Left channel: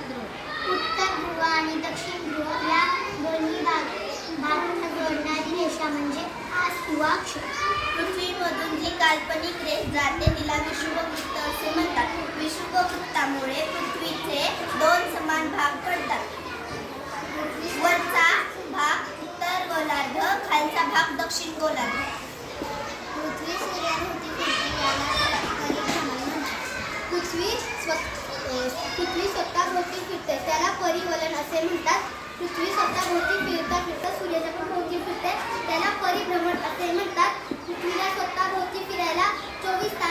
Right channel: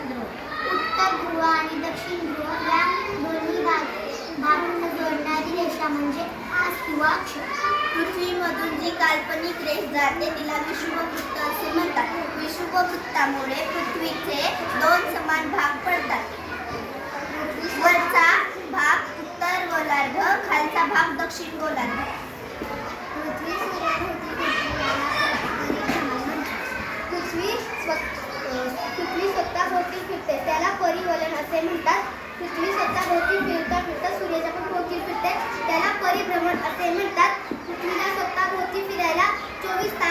उत्तर ध्रुव आणि दक्षिण ध्रुव या दोन्ही भागांना जोडणारी रेषा म्हणजे मास किंवा अक्ष. पृथ्वीमधून जी काल्पनिक रेष जाते तिला विषुववृत्त असे म्हणतात. विषुववृत्तामुळे पृथ्वीचे दोन समान भाग पडतात. वरचा भाग उत्तर गोलार्ध, खालचा भाग दक्षिण गोलार्ध. पृथ्वी सूर्याभोवती फिरते याला परिभ्रमण म्हणतात. पृथ्वी स्वतःभोवती फिरते त्याला परिवलन असे म्हणतात. पृथ्वी स्वतःभोवती फिरता फिरता सूर्याच्या पण भोवती फिरते त्याला परिभ्रमण असे म्हणतात. पृथ्वीला स्वतःभोवती फिरायला 24 तास